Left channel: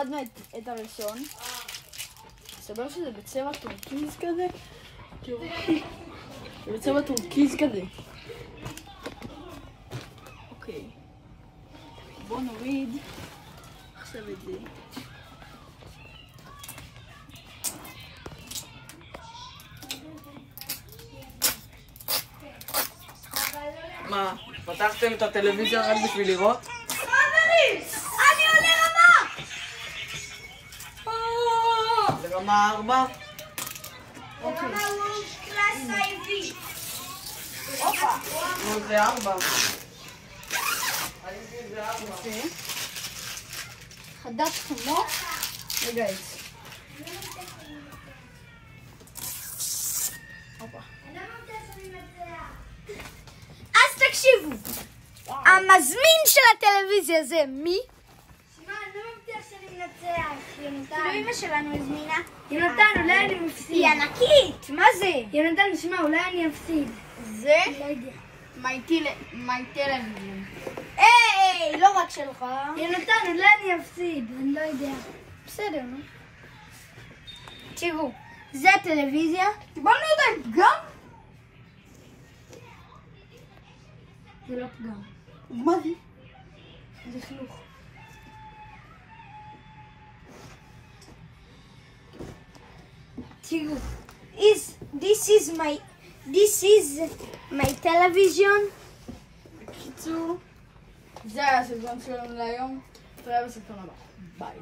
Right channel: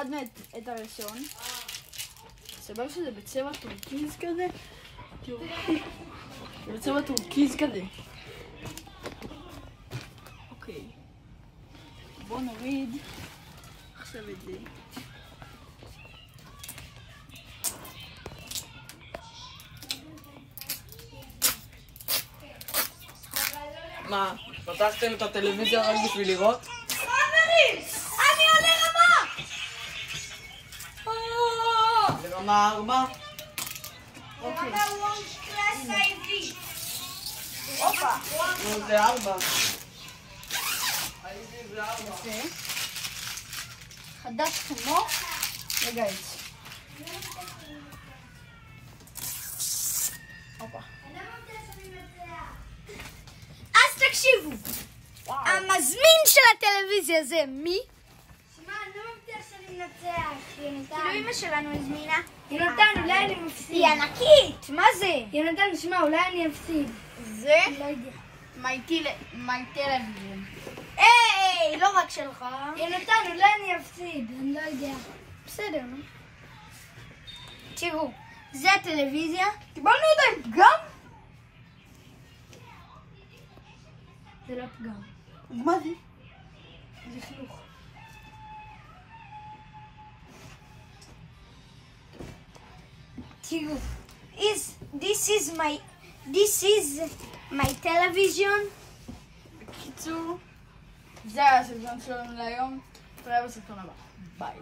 הורדנו את הראשון. סבר שזה בצבע טורקיז כזה. זה בצבע טורקיז כזה. אוקיי. בואו נוריד עכשיו את זה. מה? פתחתם את הטלוויזיה רק בשביל לראות? חברים! אני עולה רמה! לרמה 4? רמה וורלד קלאס IV. הופה. זה 4. יפה. חדש כמו וגייס. הופה. אז תקשיבו, המזמין של הטלוויזיה זה מי? שמע, אני לא מבטיח שאני מנצח, יונתן. כאילו אמא שלנו הזמינה. יונתן, אולי אני מפסיד. היא ענקית. מה זה? יונתן, שמע, אולי אני אפסיד. זה לא יודע. מייטלוויזיון. היי, לא רק שלך. יונתן, אולי אני אפסיד, אני לא יודע. בסדר, נו. תראו, זה הטלוויזיה. קיבלנו את הפגם? זה לא פגם. מה זה? זה חיוך. תראו, this is my television. בקיצור, זה היה הסרטון שלנו להיום. תראה בסרטון הבא. ביי.